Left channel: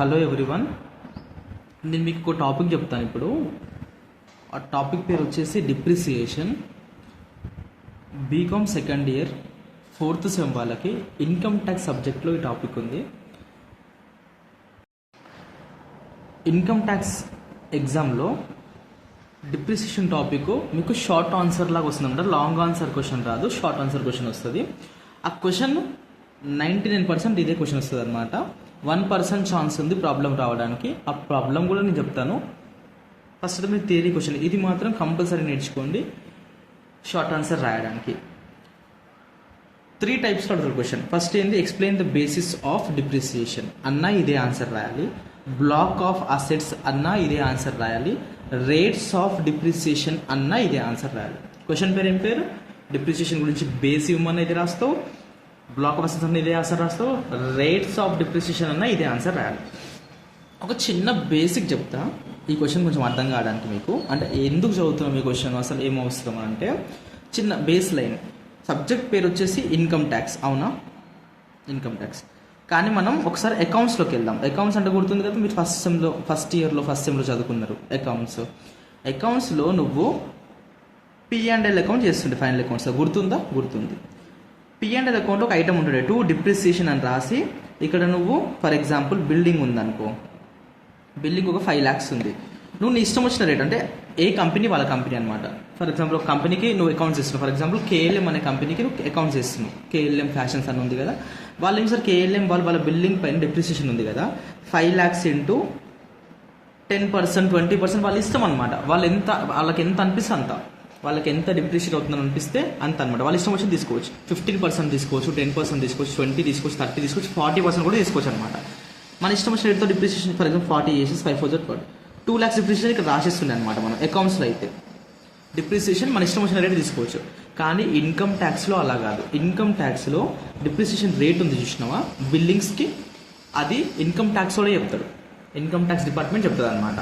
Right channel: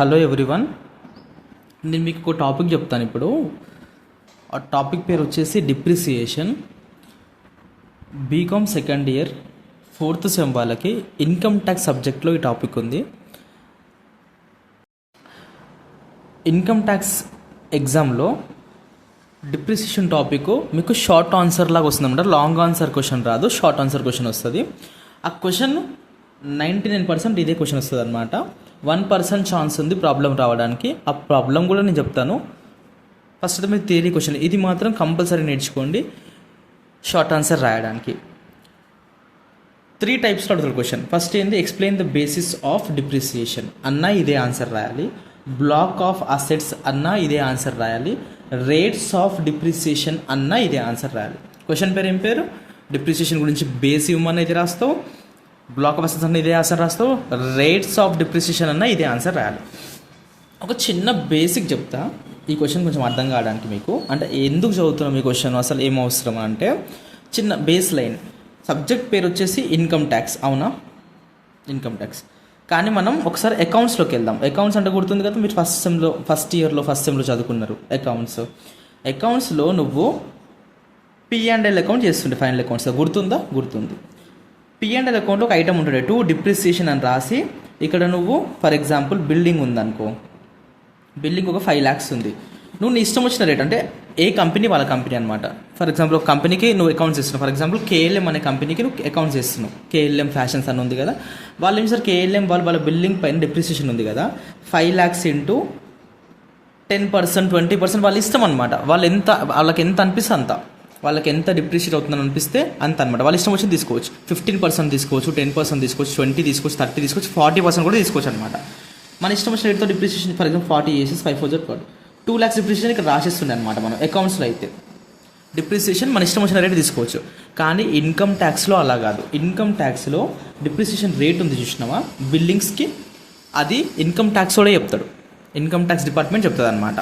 Hello everyone, నేను మీకు ఒక టాపిక్ చెప్తాను ఇప్పుడు. ఆ టాపిక్ పేరు వచ్చేసి depreciation. BCom second year 4th sem వాళ్ళకి ఇన్కమ్ ట్యాక్స్ సబ్జెక్ట్లో ఈ టాపిక్ ఉంది. ఇన్కమ్ ట్యాక్స్ ఎగ్జామ్లో డిప్రిసియేషన్ టాపిక్ మీకు షార్ట్ ఆన్సర్ లాగా వస్తుందన్నమాట. లాంగ్ ఆన్సర్ క్వశ్చన్ రాదు, షార్ట్ ఆన్సర్ క్వశ్చన్ వస్తుంది. ఆ క్వశ్చన్ 99% ఇదే క్వశ్చన్ వస్తుంది అనమాట. 1% ఛాన్స్ ఉంది ప్రాబ్లం రావడానికి. ఆ ప్రాబ్లం కూడా నేను చెప్తాను. ఫస్ట్ అయితే మీరు థియరీ క్వశ్చన్ ఇది మాత్రం కంపల్సరీ నేర్చుకోండి షార్ట్ ఆన్సర్ రాయడానికి. 3 టైప్స్లో అడుగుతారు క్వశ్చన్. ఫస్ట్ ఏంటి, explain the basis of depreciation అన్న ఇదే ఆన్సర్ రాయాలి. బ్లాక్ ఆఫ్ అసెట్స్ అన్న ఇదే ఆన్సర్ రాయాలి. రేట్స్ ఆఫ్ డిప్రిసియేషన్ అన్న ఇదే ఆన్సర్ రాయాలి. క్వశ్చన్ పేరు ఏం పేరు, డిప్రిసియేషన్ గురించి బేస్ ఇవ్వమని అయితే రాస్తావు, బ్లాక్ ఆఫ్ అసెట్స్ అన్న ఇదే ఆన్సర్ రాస్తావు, రేట్స్ ఆఫ్ డిప్రిసియేషన్ అన్న ఇదే ఆన్సర్ రాయాలి. ఒక చిన్న బేసిక్ చెప్తా ఈ క్వశ్చన్ కొంచెం అర్థం కావడానికి మీకు. అంటే ఎందుకు చదువుతున్నాం ఈ క్వశ్చన్, అసలు ఏం అవసరం అంటే చిన్న బేస్ లైన్. సబ్జెక్ట్ పేరు వచ్చేసి ఇన్కమ్ ట్యాక్స్, అవునా? Income tax. కానీ మనం ఒకసారి అకౌంట్స్లోకి వెళ్దాం. అకౌంట్స్ అంటే గుర్తుంది కదా, మీరు ఫస్ట్ సెమ్లో చదువుకున్నారు అకౌంట్స్. అకౌంట్స్లో నువ్వు P&L అకౌంట్ చేస్తుండే ఫైనల్ అకౌంట్స్లో, గుర్తుంది. P&L అకౌంట్లో ఒక ఐటమ్ ఉంటుంది, టు డిప్రిసియేషన్ అని రాసి, ఇక్కడ నువ్వు ఫర్ ఎగ్జాంపుల్ బిల్డింగ్ ఉందనుకో, బిల్డింగ్ ఒక 5 lakhs ఉంది. నువ్వు నీ ఇష్టం వచ్చిన రేట్, అంటే ఏ కంపెనీ వాళ్ళ కంపెనీ అనమాట. ఫర్ ఎగ్జాంపుల్ ఒక కంపెనీకి నువ్వు అకౌంట్స్ చేస్తున్నావు. ఫర్ ఎగ్జాంపుల్ KLM అనే కంపెనీకి నువ్వు అకౌంట్స్ చేస్తున్నావు. KLM ఫ్యాషన్స్ అని ఉంది కదా, వాళ్ళు ఏం సార్ KLM వాళ్ళ బిల్డింగ్ పైన డిప్రిసియేషన్ ఉంది కదా, 5 lakhs ఇంటూ 10%, 20% వాళ్ళ ఇష్టం అనమాట. వాళ్ళకి ఎంత అనిపిస్తే అంత, వాళ్ళకి ఎంత డిప్రిషియేట్ అవుతుందని అనిపిస్తే అంత అనమాట. వాళ్ళ ఇష్టం వచ్చింది తీసుకోవచ్చు. 15% తీసుకోవచ్చు, 10% తీసుకోవచ్చు, 20 తీసుకోవచ్చు, 30 తీసుకోవచ్చు, 40% కూడా తీసుకోవచ్చు అనమాట. మన ఇష్టం వచ్చిన రేట్తో డిప్రిసియేషన్ ఫర్ ఎగ్జాంపుల్ 40 చేసి 5 4 2 lakhs డిప్రిసియేషన్ ఇక్కడ రాసిస్తుంది అనమాట. మనం అకౌంట్స్లో అయితే డిప్రిసియేషన్ మన ఇష్టం వచ్చిన రేట్ తీసుకోవచ్చు. కానీ ఇన్కమ్ ట్యాక్స్లో అలా కాదు. ఇన్కమ్ ట్యాక్స్లో డిప్రిసియేషన్ రేట్ ఉంది చూసినావా బిల్డింగ్స్కి, అది ఇన్కమ్ ట్యాక్స్ కూడా చెప్తాడు. ఇన్కమ్ ట్యాక్స్ డిపార్ట్మెంట్ చెప్తుంది అనమాట.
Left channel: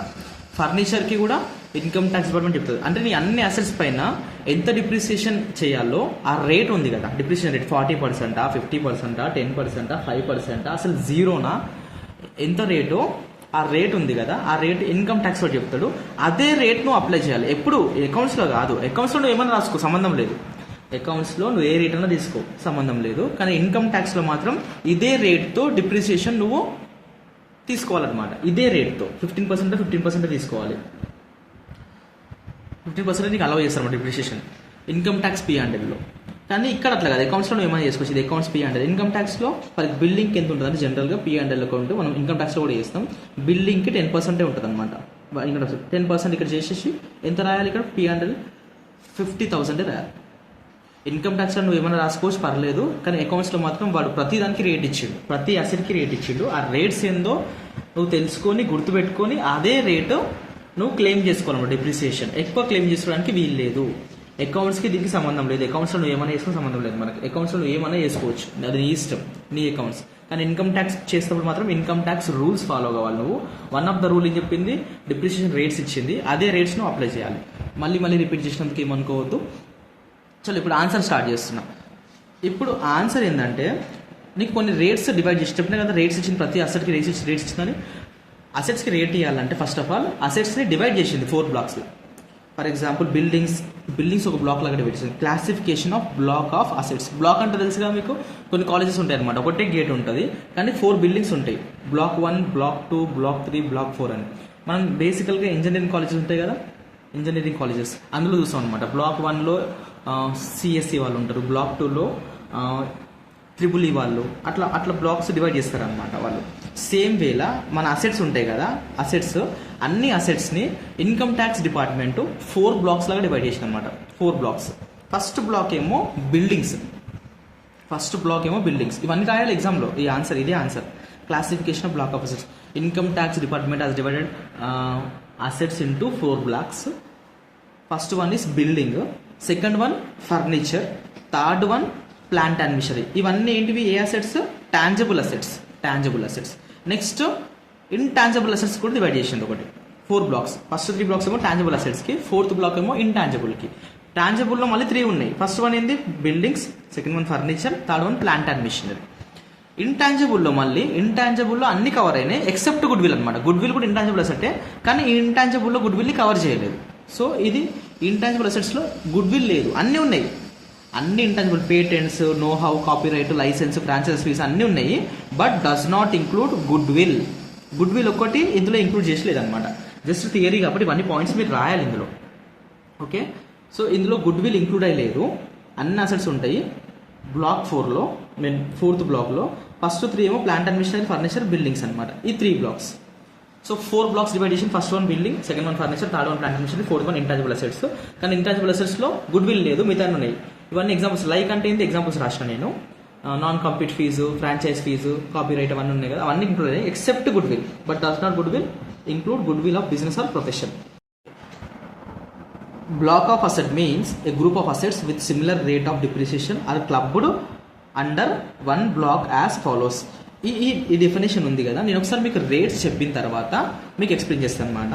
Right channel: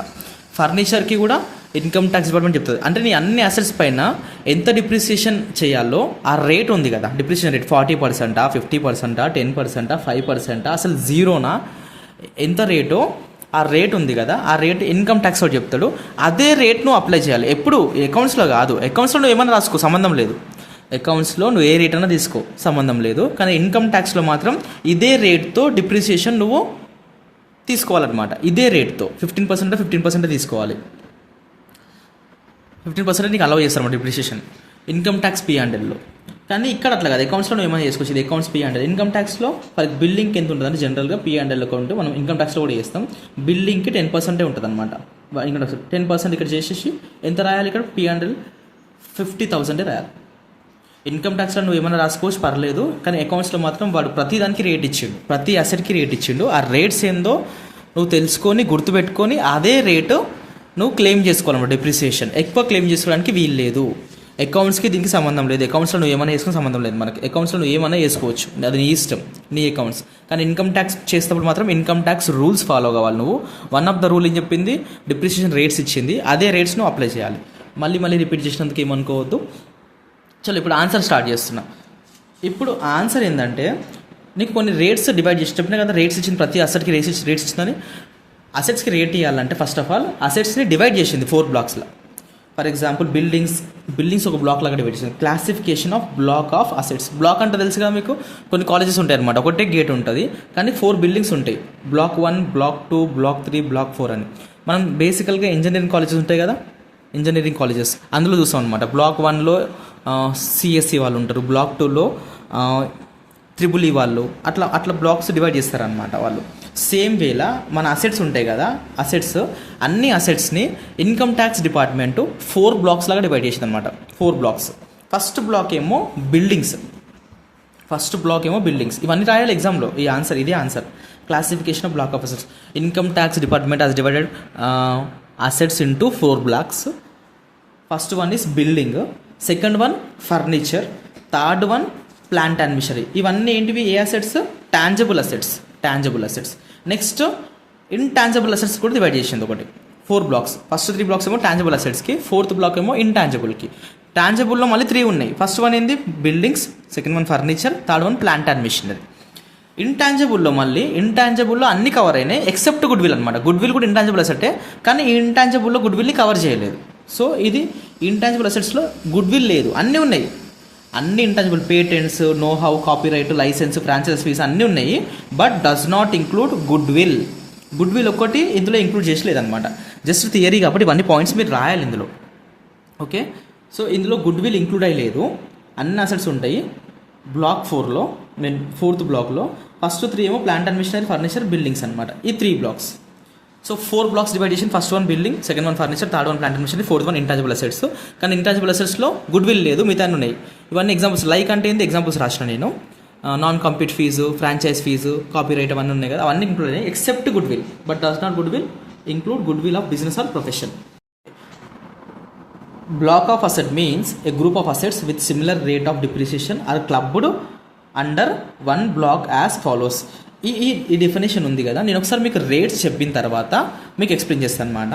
ఫర్నిచర్కి కూడా ఇన్కమ్ ట్యాక్స్ డిపార్ట్మెంట్ చెప్తుంది. అంటే నీ అన్ని అసెట్స్ పైన ఎంత డిప్రిసియేషన్ చేయాలో ఆ రేట్ ఉంది కదా, డిప్రిసియేషన్ రేట్ 40%, 50%, 10%, 5%, అసలు జీరోనా, ఎంత రేటో ఆ రేట్ ఉంది కదా, ఆ రేట్ ఇన్కమ్ ట్యాక్స్ వాడు చెప్తాడు. అదే రేట్ నువ్వు అప్లై చేయాలి. ఎప్పుడు అకౌంట్స్లో కాదు. అకౌంట్స్లో నువ్వు ఏమైనా రాసుకో, సంబంధం లేదు. అకౌంట్స్లో నువ్వు ఏ రేట్ అయినా తీసుకో, సంబంధం లేదు. కానీ ఇన్కమ్ ట్యాక్స్లో మాత్రం ఇదే రేట్తో డిప్రిసియేషన్ నువ్వు తీసుకోవాలన్నమాట. ఇదే రేట్తో 15% తీసుకోవాలి. 15% నీకు అలౌ చేస్తారు డిప్రిసియేషన్ ఇన్కమ్ ట్యాక్స్ P&Lలో. కానీ ఇక్కడ అట్లా కాదు, అకౌంట్స్లో నువ్వు ఏమైనా చేసుకోవచ్చు. ఇది అకౌంట్స్ P&L. ఇన్కమ్ ట్యాక్స్లో ఫర్ బిల్డింగ్కి ఎంత ఉంటుంది అంటే జనరల్గా P&L అకౌంట్ మనం ఇన్కమ్ ట్యాక్స్లో కూడా చేస్తాం. బిల్డింగ్కి 10% ఉంటుంది అనమాట. ఇన్కమ్ ట్యాక్స్ 10% ఇక్కడ చేసేసి ఎంత రాయాలి, ఇక్కడ P&L 50,000 రాయాలి. ఇన్కమ్ ట్యాక్స్లో నువ్వు ఏమైనా రాసుకోవచ్చు, పర్లేదు. కానీ అకౌంట్స్లో మాత్రం వాడు ప్రతి దానికి రేట్ ఇచ్చిండు, ప్రతి అసెట్కి రేట్ ఇచ్చిండు. ఆ రేట్స్ ఏందో నువ్వు తెలుసుకొని గుర్తుపెట్టుకొని అదే రేటు నువ్వు క్లెయిమ్ చేసుకోవాలన్నమాట. డిప్రిసియేషన్ ఎక్కువ క్లెయిమ్ చేసుకోవడానికి వీలు లేదు. అకౌంట్స్కి దీనికి సంబంధం లేదు. అకౌంట్స్లో నువ్వు ఏమైనా వేసుకుని సంబంధం లేదు మనకి. అకౌంట్స్లో నువ్వు ఏమైనా వేసుకోవచ్చు, అది నీ ఇష్టం, నీ అకౌంట్స్. కానీ ఇన్కమ్ ట్యాక్స్ చేసేటప్పుడు మాత్రం ఇన్కమ్ ట్యాక్స్ రూల్స్ ఫాలో కావాలి నువ్వు. వన్ ఆఫ్ ద రూల్ ఏం చెప్పింది, డిప్రిసియేషన్ రేట్స్ ఇచ్చింది, అదే రేట్స్ నువ్వు అప్లై చేయాలి. మళ్ళీ రిపీట్ చేసినందుకు ఏమనుకోవద్దు. చలో ఇప్పుడు ఆన్సర్ స్టార్ట్ చేస్తున్నా. ఇప్పుడు ఆన్సర్ ఏంటంటే, నీకు కొన్ని రేట్స్ డివైడ్ చేసి చెప్పినా కదా, రేట్స్ ఇచ్చింది, ప్రతి అసెట్కి రేట్స్ ఇచ్చిందని. అసెట్స్కి రేట్ ఇవ్వాలంటే ఫస్ట్ ఆఫ్ ఆల్ అసెట్స్ని డివైడ్ చేసింది 4 బ్లాక్స్లో. ఫర్ ఎగ్జాంపుల్ బిల్డింగ్స్ ఒక బ్లాక్ లాగా డివైడ్ చేసింది. Classification of block of assets. Block అంటే తెలుసు కదా మీకు, కొన్ని కాలేజెస్ ఉంటాయి అనమాట, ఒకటే గేట్ ఉంటుంది కానీ 4 బిల్డింగ్స్ ఉంటాయి. బ్లాక్ 1, బ్లాక్ 2, బ్లాక్ 3, బ్లాక్ 4 అని. మనం బేసికల్గా ఇంజనీరింగ్ కాలేజెస్ ఉంటాయి కదా, ఇంజనీరింగ్ కాలేజెస్ అందులో చూస్తాం అనమాట. బ్లాక్ 1లో CSE వాళ్ళు ఉంటారు, బ్లాక్ 2లో EEE వాళ్ళు, అట్లా బ్లాక్స్ డివైడ్ చేస్తారనమాట వాళ్ళు. సేమ్ వేలా మన అసెట్స్ ఉంటాయి కదా, అన్ని అసెట్స్ని ఇన్కమ్ ట్యాక్స్ డిపార్ట్మెంటు 4 బ్లాక్స్ లాగా డివైడ్ చేసింది అనమాట. 4 బ్లాక్స్. ఫస్ట్ బ్లాక్ ఏమో బిల్డింగ్స్. ఇవన్నీ రాయాలి ఎగ్జామ్లో. ఇదే answer. Classification of block of assets. Income tax department has divided assets into 4 blocks. First one is building, second one furniture, third one plant and machinery. ఇవన్నీ ఏంటివి, ఏ assets, tangible assets. Next intangible assets కూడా divide చేసింది ఒకటి 4 blocks. First 3 blocks ఏమో tangible అసెట్స్కి, 4th block ఏమో ఇంటాంజిబుల్కి. టాంజిబుల్లో మళ్ళీ 3 ఉన్నాయి. ఫస్ట్ వన్ ఏంది buildings, second one furniture, third one plant and machinery. ఇంటాంజిబుల్లో మళ్ళీ ఇంటాంజిబుల్లో అన్ని కవర్ అయినాయి ఎక్సెప్ట్ గుడ్ విల్ అనమాట. గుడ్ విల్ కూడా ఇంటాంజిబుల్ అసెట్టే, కానీ ఈ ఇంటాంజిబుల్లో గుడ్ విల్ని కవర్ చేయలేదు. సో ఇది ఇంటాంజిబుల్ అసెట్స్లో గుడ్ విల్ లేదు, అన్నీ ఉన్నాయి. అన్ని intangible patents, know how, copyright, license, franchise fees అన్నీ ఉన్నాయి. But does not include good will. Good will ఒక్కటి ఇందులో ఇంక్లూడ్ చేసలేదు అనమాట. జస్ట్ థియరీ కాబట్టి ఇవన్నీ పాయింట్స్ మీరు రాయాలి ఇందులో. ఓకే, సో ఇందులో గుడ్ విల్ ఇంక్లూడ్ అయ్యలేదు. అన్ని అసెట్స్ ఉంటాయి బ్లాక్ 4లో. నేను 4th బ్లాక్లో ఫస్ట్ 3 ఏమో plant and machinery, furniture, buildings అనమాట. ఈ 3 బ్లాక్స్. సో 4 బ్లాక్స్ డివైడ్ చేసి first 1 building, second 1 furniture, third 1 plant and machinery, fourth 1 intangible assets. కానీ ఇంటాంజిబుల్ అసెట్స్లో గుడ్ విల్ లేదు, మిగతా ఉన్నాయి. ఇవన్నీ ఎగ్జాంపుల్స్. లైక్ అంటే ఏంటి ఎగ్జాంపుల్స్ రాసిన నేను. Non complete fee, franchise fee, copyright అవన్నీ ఉన్నాయి కదా, అవన్నీ ఇంక్లూడ్ అయ్యాయి except goodwill. But does not goodwill include goodwill of business or profession. Block of asset means a group of assets with similar rate of depreciation are clubbed under one block as follows. ఈ definition ఉంది కదా, నేను ఒకసారి మీకు rates చెప్పిన తర్వాత మీకు explain చేస్తాను అనమాట.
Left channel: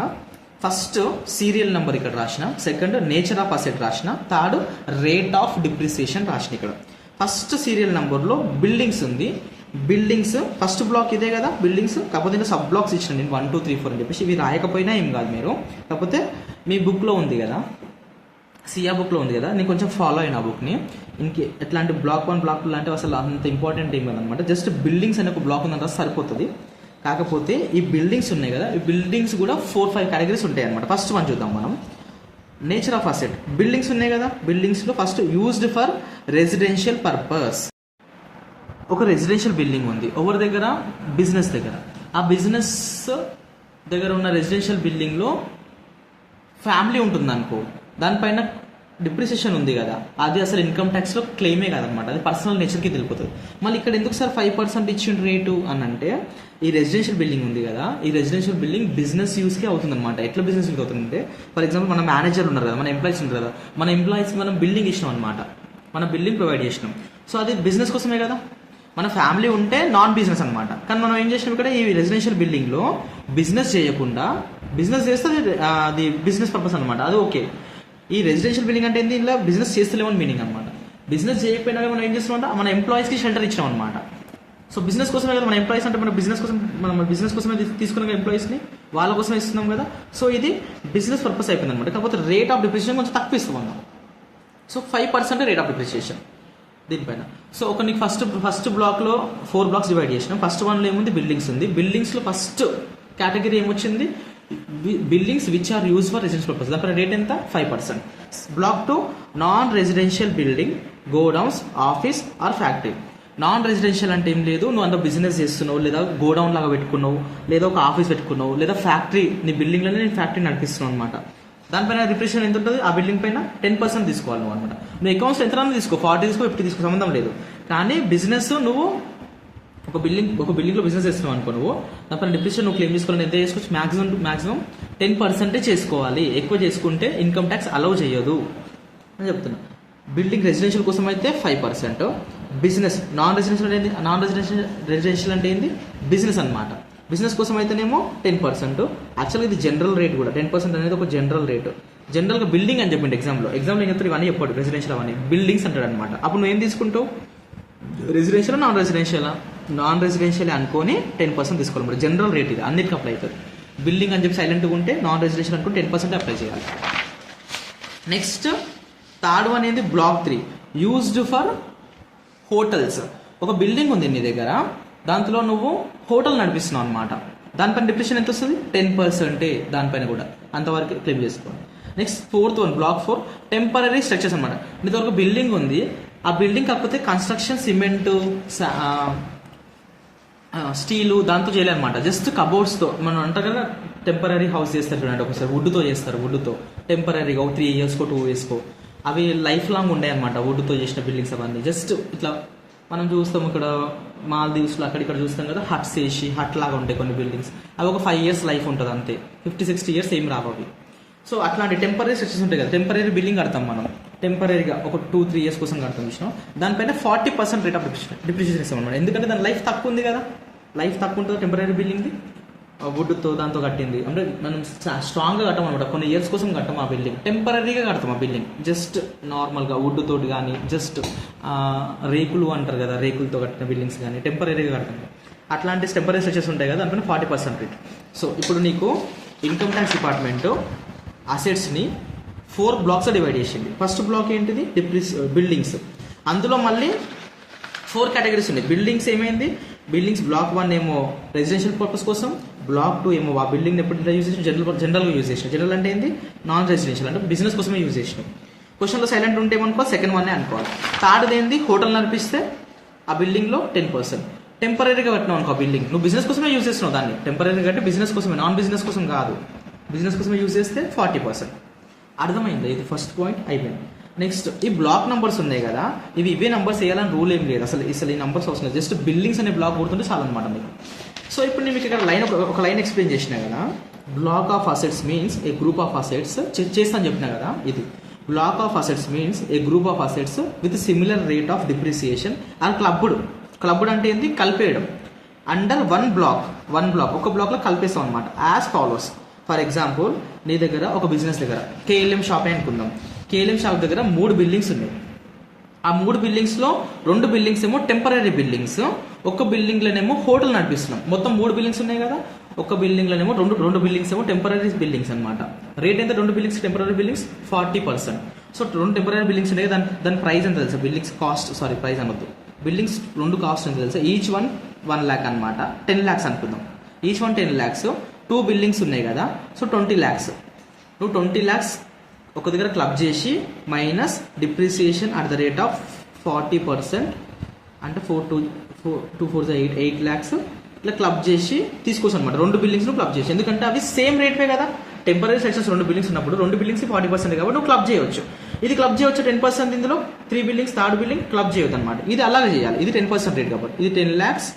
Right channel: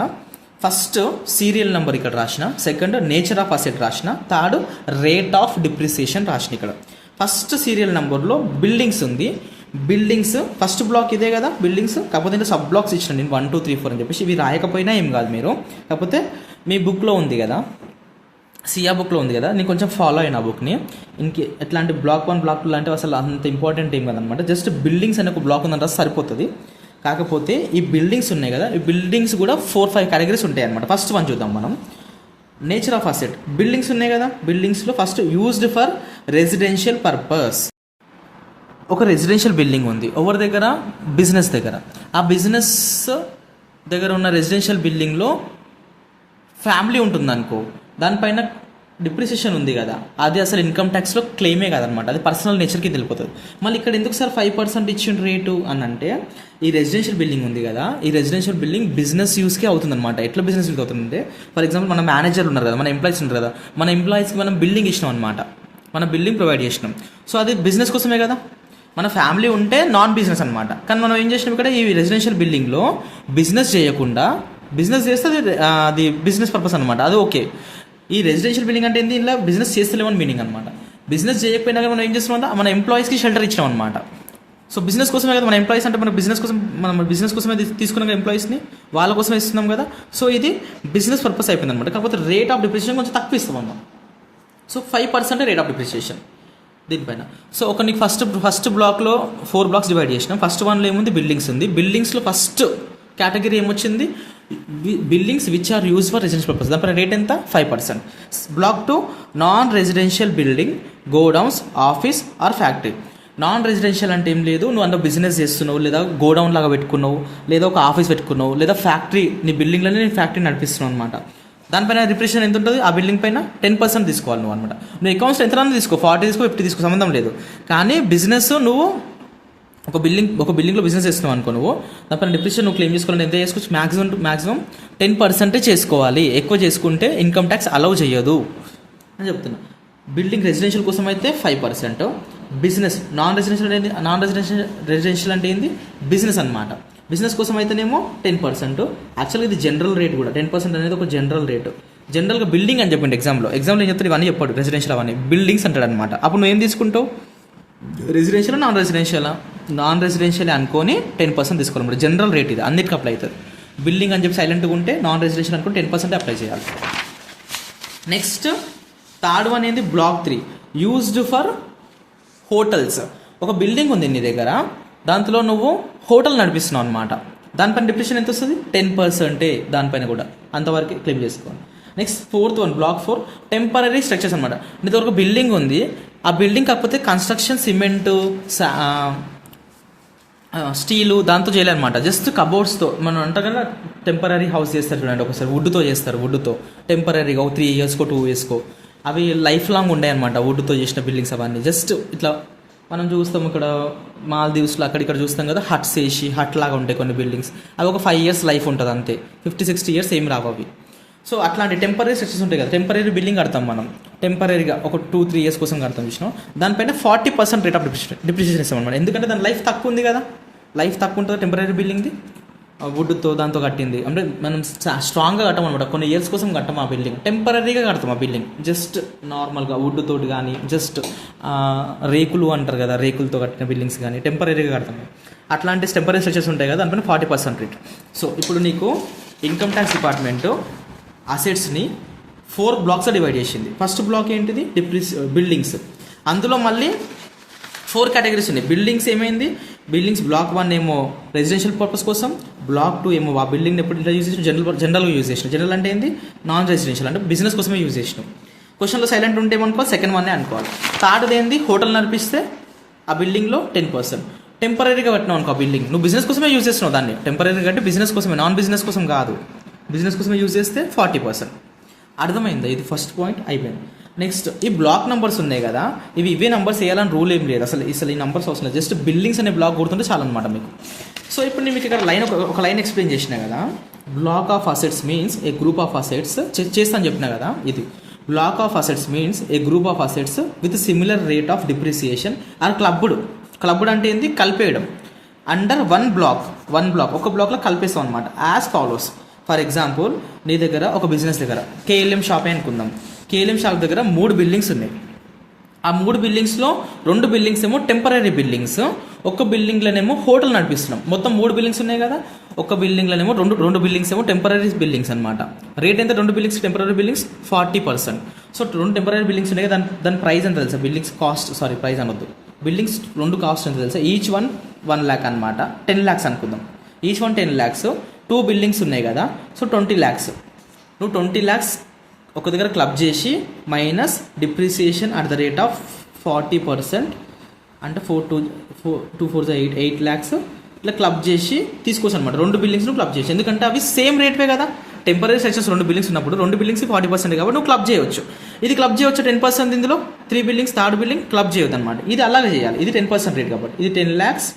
ఫస్ట్ సీరియల్ నెంబర్ ఇక్కడ రాసిన, సెకండ్ నేచర్ ఆఫ్ అసెట్ రాసిన, థర్డ్ రేట్ ఆఫ్ డిప్రిసియేషన్ రాసిన. ఇక్కడ ఫస్ట్ సీరియల్ నెంబర్లో బిల్డింగ్స్ ఉంది. బిల్డింగ్స్ ఫస్ట్ బ్లాక్ ఇదే కదా బిల్డింగ్స్, కాకపోతే ఇంకా సబ్ బ్లాక్స్ ఇచ్చిన నేను 1 2 3 4 అని చెప్పేసి. ఇవి రాయకపోయినా ఏం కాదు మీరు, కాకపోతే మీ బుక్లో ఉంది కదా, సియా బుక్లో ఉంది కదా, నేను కొంచెం ఫాలో అయిన ఆ బుక్ని. ఇంకే ఎట్లాంటి బ్లాక్ 1 బ్లాక్ 2 లాంటివి అసలు అంత ఇంపార్టెంట్ ఏం కదనమాట. జస్ట్ బిల్డింగ్స్ అనే ఒక బ్లాక్ ఉందంటే సరిపోతుంది. కాకపోతే ఈ బిల్డింగ్స్ ఉన్నాయి కదా, ఈ బిల్డింగ్స్ కూడా 4-5 కేటగిరీస్ ఉంటాయి అనమాట. ఫస్ట్ వన్ చూద్దాం మనం. Nature of asset. బిల్డింగ్స్ ఉన్నాయి కదా, బిల్డింగ్స్లో first used for residential purpose. ఒక రెసిడెన్షియల్ బిల్డింగ్ ఉంది ఎవరి దగ్గర, బిజినెస్ దగ్గర. ఆ బిజినెస్ దగ్గర ఉన్న రెసిడెన్షియల్ బిల్డింగ్లో ఫ్యామిలీ ఉంటుంది అనుకో, దానిపైన డిప్రిసియేషన్ ఉంది కదా, అది అసలు ఇన్కమ్ ట్యాక్స్లో క్లెయిమే కాదనమాట, అది పర్సనల్ నేచర్కి తెలిపోతుంది. మళ్ళీ ఇక్కడ ఎందుకు సార్ 5% ఇచ్చిన రేటు అని అంటే, ఈ రెసిడెన్షియల్ బిల్డింగ్ ఉంది కదా, ఈ రెసిడెన్షియల్ బిల్డింగ్ బిజినెస్ యూస్కే అవుతుంది అనమాట. ఎట్లా బిజినెస్ యూస్కి అవుతుందంటే, ఫర్ ఎగ్జాంపుల్ మన మేనేజర్ ఉన్నారు కదా, మన ఎంప్లాయీస్ ఉంటారు కదా, మన ఎంప్లాయీస్కి మనం బిల్డింగ్ ఇచ్చినాం అనమాట, మన బిల్డింగ్ ప్రొవైడ్ చేసినాం. సో అది బిజినెస్ కోసమే కదా. మన ఫ్యామిలీ ఉంటే నాన్ బిజినెస్ అనమాట. కానీ మనం ఏం చేసినాం ఇక్కడ, ఈ రెసిడెన్షియల్ బిల్డింగ్లో బిజినెస్ చేయకుండా, బిజినెస్ చేస్తే అది బిజినెస్ పర్పస్ అనమాట, అది ఓకే. ఈ రెసిడెన్షియల్ బిల్డింగ్ అంటే ఏంటి, ఇలా బిజినెస్ చేస్తలేమని మీనింగ్ అనమాట. బిజినెస్ చేయకపోయినా మనం ఏం చేస్తున్నాం, మన ఎంప్లాయీస్కి షెల్టర్ ఇచ్చినాం అనమాట. సో బిజినెస్ కోసమే కదా, మన ఎంప్లాయీస్ అంటే మన బిజినెస్ కోసం, మనం బిజినెస్ కోసమే తీసుకున్నాం కదా ఎంప్లాయీస్ని, వాళ్ళ కోసమే ఇస్తున్నాం కదా. సో ఇది బిజినెస్ పర్పస్ అయిపోయింది అనమాట. కాకపోతే రేట్ ఆఫ్ డిప్రిసియేషన్ కొంచెం తక్కువ ఇస్తాం అన్నమాట. సో 5% రేట్ ఆఫ్ డిప్రిసియేషన్ దీనిపైన. సో ఒక నీకు ఫస్ట్ బ్లాక్లో 4 బ్లాక్స్ డివైడ్ చేసినాం. ఫస్ట్ వన్లో ఏముంది, బిల్డింగ్స్ ఉంది. బిల్డింగ్స్లో ఫస్ట్ కేటగిరీ ఏమొచ్చింది, buildings which are use for residential purpose. దానిపైన రేట్ ఎంత, 5%. Block 2 non residential building, godowns, office or factory. Non residential అంటే ఏం లేదు, నువ్వు అందులో బిజినెస్ చేస్తున్నావు, లేదా గోడౌన్ లాగా పెట్టుకున్నావు, లేదా ఒక ఆఫీస్ పెట్టుకున్నావు, లేదా ఫ్యాక్టరీ, నీ బిల్డింగ్లోనే నీ ఫ్యాక్టరీ నడిపిస్తున్నావు అనమాట. దానిపైన డిప్రిసియేషన్ ఎంత ఉంటుంది, ఆ బిల్డింగ్ పైన 10% తీసుకోవాలి నువ్వు అనమాట. నువ్వు అకౌంట్స్ ఎంత తీసుకో, 40 తీసుకో, 50 తీసుకో, సంబంధం లేదు. కానీ బిజినెస్ నువ్వు ఒక బిల్డింగ్లో బిజినెస్ చేస్తున్నావు అనుకో, నువ్వు దానిపైన డిప్రిసియేషన్ నువ్వు క్లెయిమ్ చేసుకోవాలి. ఎంత చేసుకోవచ్చు, మ్యాక్సిమం 10% చేసుకోవాలి. ఎక్కువ చేసుకుంటే ఇన్కమ్ ట్యాక్స్ అలౌ చేయదు అని చెప్తున్నాను. బిల్డింగ్ రెసిడెన్షియల్ కోసం అయితే 5%. బిజినెస్ నాన్ రెసిడెన్షియల్ అంటే ఏంది, బిజినెస్ అనమాట. బిజినెస్ కోసం అయితేనేమో 10%. యాక్చువల్గా ఇది జనరల్ రేట్ కూడా, 10% అనేది ఒక జనరల్ రేటు. జనరల్గా బిల్డింగ్ అని చెప్పిండు ఎగ్జామ్లో ఏం చెప్తాడు, ఇవన్నీ చెప్పాడు, రెసిడెన్షియల్ అవన్నీ బిల్డింగ్స్ అంటాడు అనమాట. అప్పుడు నువ్వు ఏం తీసుకుంటావు, రెసిడెన్షియల్ నాన్ రెసిడెన్షియల్ అనుకొని 10% తీసుకోవాలి. జనరల్ రేట్ ఇది, అన్నిటికీ అప్లై అవుతుంది. బిల్డింగ్ అని చెప్పి సైలెంట్గా ఉంటే, నాన్ రెసిడెన్షియల్ అనుకుంటే 10% అప్లై చేయాలి. నెక్స్ట్ థర్డ్ వన్ ఏంది, బ్లాక్ 3 యూజ్డ్ ఫర్ హోటల్స్. ఒక బిల్డింగ్ ఉంది నీ దగ్గర, దాంట్లో నువ్వు హోటల్ నడిపిస్తున్నావు అనమాట. దానిపైన డిప్రిసియేషన్ ఎంత వస్తుంది, 10%. దానిపైన కూడా అంతవరకు క్లెయిమ్ చేసుకోవాలి. Next fourth one, block 4 temporary structures అనమాట. నీ దగ్గర ఒక బిల్డింగ్ ఉంది, ఆ బిల్డింగ్ కాకపోతే కన్స్ట్రక్షన్ సిమెంటు, స్టీలు దాంతో చేయాలన్నమాట. జస్ట్ కబోర్డ్స్తో మనం అంటాం కదా, టెంపరీ హౌస్ చేస్తారు చూడండి, ఒకసారి వుడ్తో చేస్తారు. వుడ్తో టెంపరీగా 3 ఇయర్స్కో 2 ఇయర్స్కో అవి లైఫ్ లాంగ్ ఉండే అనమాట, వుడ్తో చేసిన బిల్డింగ్స్ అవన్నీ. జస్ట్ ఇట్లా మనం చూస్తాం ఇక్కడ మాల్దీవ్స్లో అక్కడిక్కడ చూస్తాం కదా, హట్స్ వేసి హట్ లాగా ఉంటాయి కొన్ని బిల్డింగ్స్. అవి ఒక 5 ఇయర్స్ లైఫ్ ఉంటుంది అంతే, 50-60 ఇయర్స్ ఏం రావు అవి. సో అట్లాంటి టెంపరీ స్ట్రక్చర్స్ ఉంటాయి కదా, టెంపరీ బిల్డింగ్ కడతాం మనం, టెంపరీగా ఒక 2-3 ఇయర్స్ కోసం కడతాం చూసినాం. దానిపైన 40% రేట్ ఆఫ్ డిప్రిసియేషన్ ఇస్తాం అనమాట. ఎందుకంటే దాని లైఫ్ తక్కువ ఉంది కదా, లైఫ్ తక్కువ ఉంటుంది టెంపరీ బిల్డింగ్ది. వుడ్తో దాంతో కట్టింది అంటే మనం స్ట్రాంగ్గా కట్టమన్నమాట, కొన్ని ఇయర్స్ కోసం కట్టం ఆ బిల్డింగ్, టెంపరీగా కడతాం ఆ బిల్డింగ్, జస్ట్ నార్మల్గా వుడ్ తోటి కానీ జస్ట్ రేకులు అంటారు కదా, రేకులతో కట్టిన బిల్డింగ్స్ కానీ టెంపరీగా కడతాం. అట్లాంటి టెంపరీ స్ట్రక్చర్స్ ఉంటాయి కదా, దానిపైన 40% రేట్. సో ఇప్పుడు నీకు ఇన్కమ్ ట్యాక్స్ డిపార్ట్మెంట్ అసెట్స్ని 4 బ్లాక్స్ డివైడ్ చేసింది. ఫస్ట్ బ్లాక్ ఏంటిది, బిల్డింగ్స్. అందులో మళ్ళీ 4 కేటగిరీస్ ఉన్నాయి. బిల్డింగ్స్ ఏమైంది, బిల్డింగ్స్ బ్లాక్ 1 ఏమో రెసిడెన్షియల్ పర్పస్ కోసం, బ్లాక్ 2 ఏమో ఆ బిల్డింగ్ ఎప్పుడు యూజ్ చేసిన జనరల్గా యూజ్ చేసిన, జనరల్ అంటే ఏంది, నాన్ రెసిడెన్షియల్ అంటే బిజినెస్ కోసమే యూజ్ చేసినాం. క్వశ్చన్లో సైలెంట్ ఉంటే ఏమనుకో సెకండ్ 1 అనుకోవాలి. థర్డ్ ఏంది, హోటల్ నడిపిస్తే ఆ బిల్డింగ్లో 10%. టెంపరీగా కట్టినావు అనుకో ఆ బిల్డింగ్, నువ్వు బిజినెస్ కోసమే యూజ్ చేస్తున్నావు దాన్ని, టెంపరీగా అంటే బిజినెస్ కోసమే, నాన్ బిజినెస్ కోసం కాదు, బిజినెస్ కోసమే యూజ్ చేస్తే 40%. అర్థమైందా, ఇది ఫస్ట్ పాయింట్ అయిపోయింది. నెక్స్ట్ ఈ బ్లాక్ నెంబర్స్ ఉన్నాయి కదా, ఇవే నెంబర్స్ వేయాలని రూల్ ఏం లేదు, అసలు ఈ నెంబర్స్ అవసరం లేదు, జస్ట్ బిల్డింగ్స్ అనే బ్లాక్ గుర్తుంటే చాలా అనమాట మీకు. సో ఇప్పుడు నేను మీకు ఇక్కడ ఒక లైన్ ఎక్స్ప్లెయిన్ చేసినా కదా, block of assets means a group of assets, చేస్తాను చెప్పినా కదా, ఇది block of assets means a group of assets with similar rate of depreciation are clubbed అంటే ఏంది, కలిపేయడం. అండర్ వన్ బ్లాక్ ఒక బ్లాక్లో కలిపేస్తాం అనమాట. యాజ్ ఫాలోస్, ఫర్ ఎగ్జాంపుల్ నీ దగ్గర ఒక బిజినెస్ దగ్గర కేఎల్ఎం షాపే అనుకుందాం, కేఎల్ఎం షాప్ దగ్గర 3 బిల్డింగ్స్ ఉన్నాయి. ఆ 3 బిల్డింగ్స్లో 2 బిల్డింగ్స్ ఏమో టెంపరీ బిల్డింగ్స్, ఒక బిల్డింగ్లోనేమో హోటల్ నడిపిస్తున్నాం. మొత్తం 3 బిల్డింగ్స్ ఉన్నాయి కదా, ఒక బిల్డింగ్లోనేమో రెండు బిల్డింగ్స్ ఏమో టెంపరీ బిల్డింగ్స్ అనమాట. రేట్ ఎంత, 2 buildings temporary buildings 40%. So 2 temporary buildings ఉన్నాయి, దాని ప్రైస్ ఎంత తెలుసా, బిల్డింగ్స్ కాస్ట్, సారీ ప్రైస్ అనొద్దు, బిల్డింగ్స్ 2 కాస్ట్ ఎంత తెలుసా, ఈచ్ 1 lakh అనమాట, 10 lakhs అనుకుందాం, ఈచ్ 10 lakhs. 2 బిల్డింగ్స్ ఉన్నాయి కదా, సో 20 lakhs. నువ్వు 20 lakhs ఒక దగ్గర క్లబ్ చేసి minus depreciation at the rate of 40%, అంటే 8 lakhs ఇట్లా క్లబ్ చేసి తీసుకోవచ్చు అనమాట. 2 బిల్డింగ్స్ను క్లబ్ చేసి, ఎందుకంటే అవి సేమ్ రేట్వే కదా, టెంపరీ స్ట్రక్చర్స్ 2 బిల్డింగ్స్ ఉన్నప్పుడు 2 బిల్డింగ్స్ 40% కాబట్టి నువ్వు క్లబ్ చేయవచ్చు. ఇది క్లబ్ చేయవచ్చు 10%, ఇందులో 3 బిల్డింగ్స్, థర్డ్ బిల్డింగ్ క్లబ్ చేయొద్దు అనమాట. ఇది అలాగే చేయాలి, ఇది 10% రేట్ కాబట్టి, ఇది 10 lakhs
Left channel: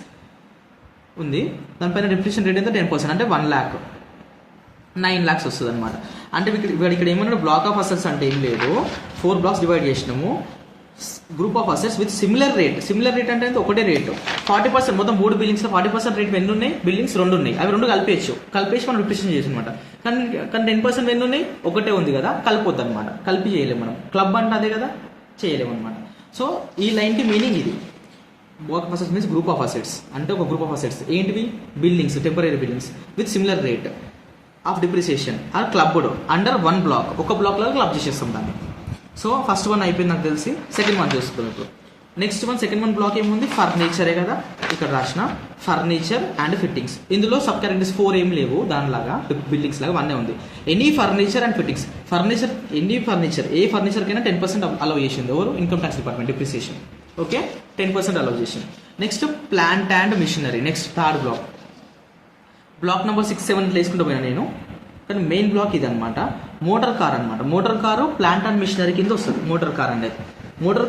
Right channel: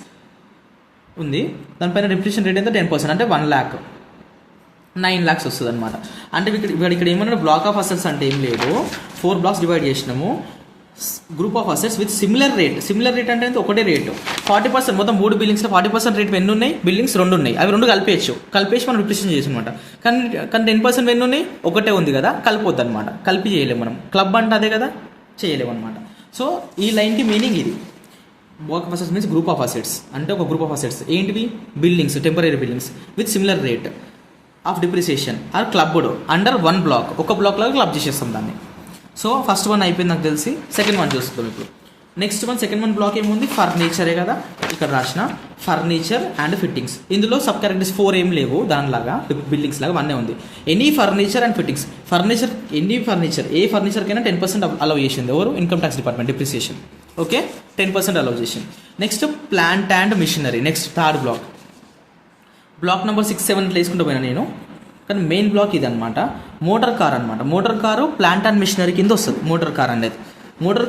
ఉంది, దానిపైన డిప్రిసియేషన్ రేట్ ఎంత 10%, అంటే 1 lakh 9 lakhs వస్తుంది అనమాట. అంటే ఇక్కడ ఏమన్నా బ్లాక్ ఆఫ్ అసెట్స్ అంటే ఏం లేదు, 4 బ్లాక్స్ డివైడ్ చేసినాము, group of assets with similar rate అంటే ఒకటే రేటు 40%. మొత్తం 3 బిల్డింగ్స్లో 40% రేట్ ఎన్ని ఉన్నాయి, బిల్డింగ్స్ 2 ఉన్నాయి, అవి 2 కలిపేసి మనం డిప్రిసియేషన్ చేసి అనమాట. కానీ 10% ఎన్ని ఉన్నాయి, ఒకటే ఉంది కదా, కలిపొద్దు అనమాట, కలిపి చేయలేము మనం, క్లబ్ అంటే అదే కదా, చేయలేము అనమాట. సో ఈ లైన్కి మీనింగ్ ఇది, block of assets means group of assets, అంటే ఒక గ్రూప్ ఆఫ్ అసెట్స్ ఏంటివి, buildings, temporary buildings with similar rate of depreciation are clubbed under 1 block, ఒక బ్లాక్ లాగా క్లబ్ చేసేస్తాం దాన్ని. సో ఫస్ట్ 1 అయిపోయింది నాకు తెలిసి, సెకండ్ 1 చూస్తాం ఇప్పుడు. నెక్స్ట్ సెకండ్ 1 బ్లాక్ ఏముంది, ఫర్నిచరే కదా, ఇక్కడ రాసిన ఫర్నిచర్ అండ్ ఫిట్టింగ్స్. ఇందులో సబ్ కేటగిరీస్ 4 ఏం లేవు, దానిలాగా బిల్డింగ్స్ లాగా 1 ఉంది. ఎనీ ఫర్నిచర్ అండ్ ఫిట్టింగ్స్, ఏ ఫర్నిచర్కైనా 10% అలౌ చేసింది ఎవరు, income tax department, depreciation. Okay, 10% allow చేసింది. Next plant and machinery, next third block number 6, 7 వేసుకుంటూ పోయినా నేను, కానీ మెయిన్ బ్లాక్ ఇది అనమాట. Motor car plant and machinery కింద వస్తుంది. మోటార్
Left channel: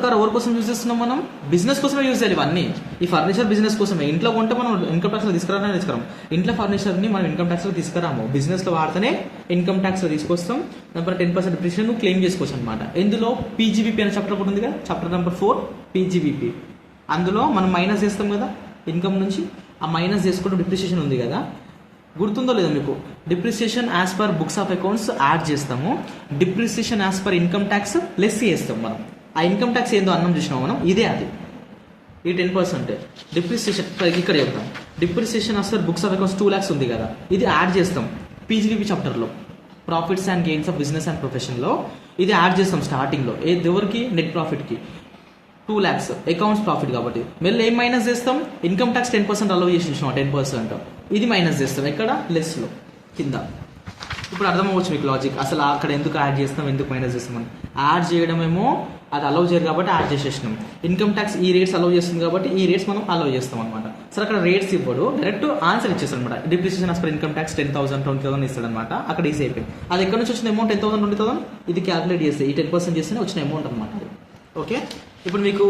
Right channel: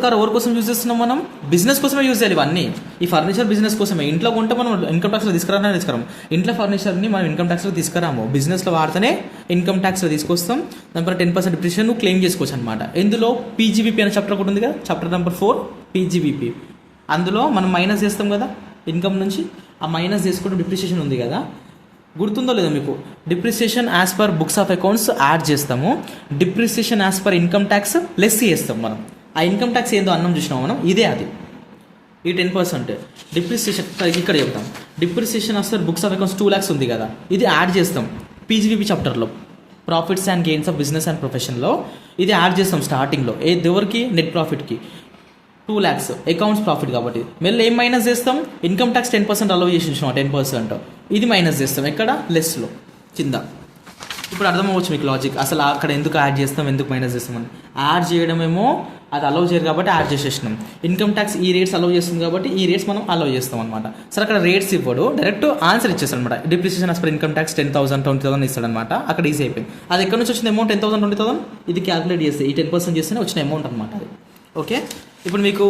కార్ ఎవరి కోసం యూజ్ చేస్తున్నాం మనం, బిజినెస్ కోసమే యూజ్ చేయాలి ఇవన్నీ. ఈ ఫర్నిచర్ బిజినెస్ కోసమే, ఇంట్లో కొంటే మనం ఇన్కమ్ ట్యాక్స్లో తీసుకురాము, ఇంట్లో ఫర్నిచర్ని మనం ఇన్కమ్ ట్యాక్స్లో తీసుకురాము, బిజినెస్లో వాడితేనే ఇన్కమ్ ట్యాక్స్లో తీసుకొస్తాం. దానిపై 10% డిప్రిసియేషన్ క్లెయిమ్ చేసుకోవచ్చు అనమాట. ఇందులో పీజీబీపీ అనే చాప్టర్ ఒకటి ఉంది కదా, చాప్టర్ నెంబర్ 4 పీజీబీపీ. అందులో మనం మైనస్ చేస్తాం కదా ఇన్కమ్ నుంచి, ఆ మైనస్ చేసుకుంటూ డిప్రిసియేషన్ ఉంది కదా, గుర్తుందో లేదో మీకు, depreciation as per books of accounts add చేస్తాము, depreciation as per income tax less చేస్తాం మనం. ఆ ఇన్కమ్ ట్యాక్స్ ఏందో అన్నం చూసినాం మనం, ఇదే అది, ఈ 10% డిప్రిసియేషన్ ఇక్కడ చెప్తాం. Depreciation as per books of accounts 2 lakhs ఉంది కదా, ఇది యాడ్ చేస్తాం పీజీబీపీ చాప్టర్లో, profits and gains of business and ప్రొఫెషన్లో ఇది యాడ్ చేస్తాం స్టార్టింగ్లో. ఎవరికి, నెట్ ప్రాఫిట్కి 2 lakhs అకౌంట్స్ ప్రాఫిట్ కాబట్టి. మళ్ళీ ఏం మైనస్ చేస్తాం, ఇన్కమ్ ట్యాక్స్ 10% అలౌ చేసి 10%, ఇది మైనస్ చేస్తాం ఎక్కడ, లెస్లో కింద. ఇప్పుడు అర్థమవచ్చు మీకు లాజిక్, అసలు అక్కడ ఎందుకు యాడ్ చేస్తాం, ఎందుకు మైనస్ చేస్తున్నాం. యాడ్ చేయడమేమో అది అలౌ చేయరు కాబట్టి యాడ్ చేసేసినాం, ఇన్కమ్ ట్యాక్స్ ఈ రేట్స్ అలౌ చేస్తుంది కాబట్టి ఈ రేట్స్ మనం అలౌ చేస్తాం అనమాట. సరే అక్కడ రేట్స్ ఇవ్వడు, డైరెక్ట్ ఆన్సర్ ఇచ్చేస్తాడు అనమాట. Depreciation as per income tax 10,000 20,000 ఇస్తాడనమాట. అక్కడ ఈజీ అయిపోయింది. అది ఎక్కడ నుంచి వచ్చిన అమౌంట్ 10,000 20,000, ఇది క్యాలిక్యులేట్ చేస్తే ఈ 10% చేస్తేనే వచ్చిన అమౌంట్ అనమాట అది. ఓకే, ఇప్పుడు మీకు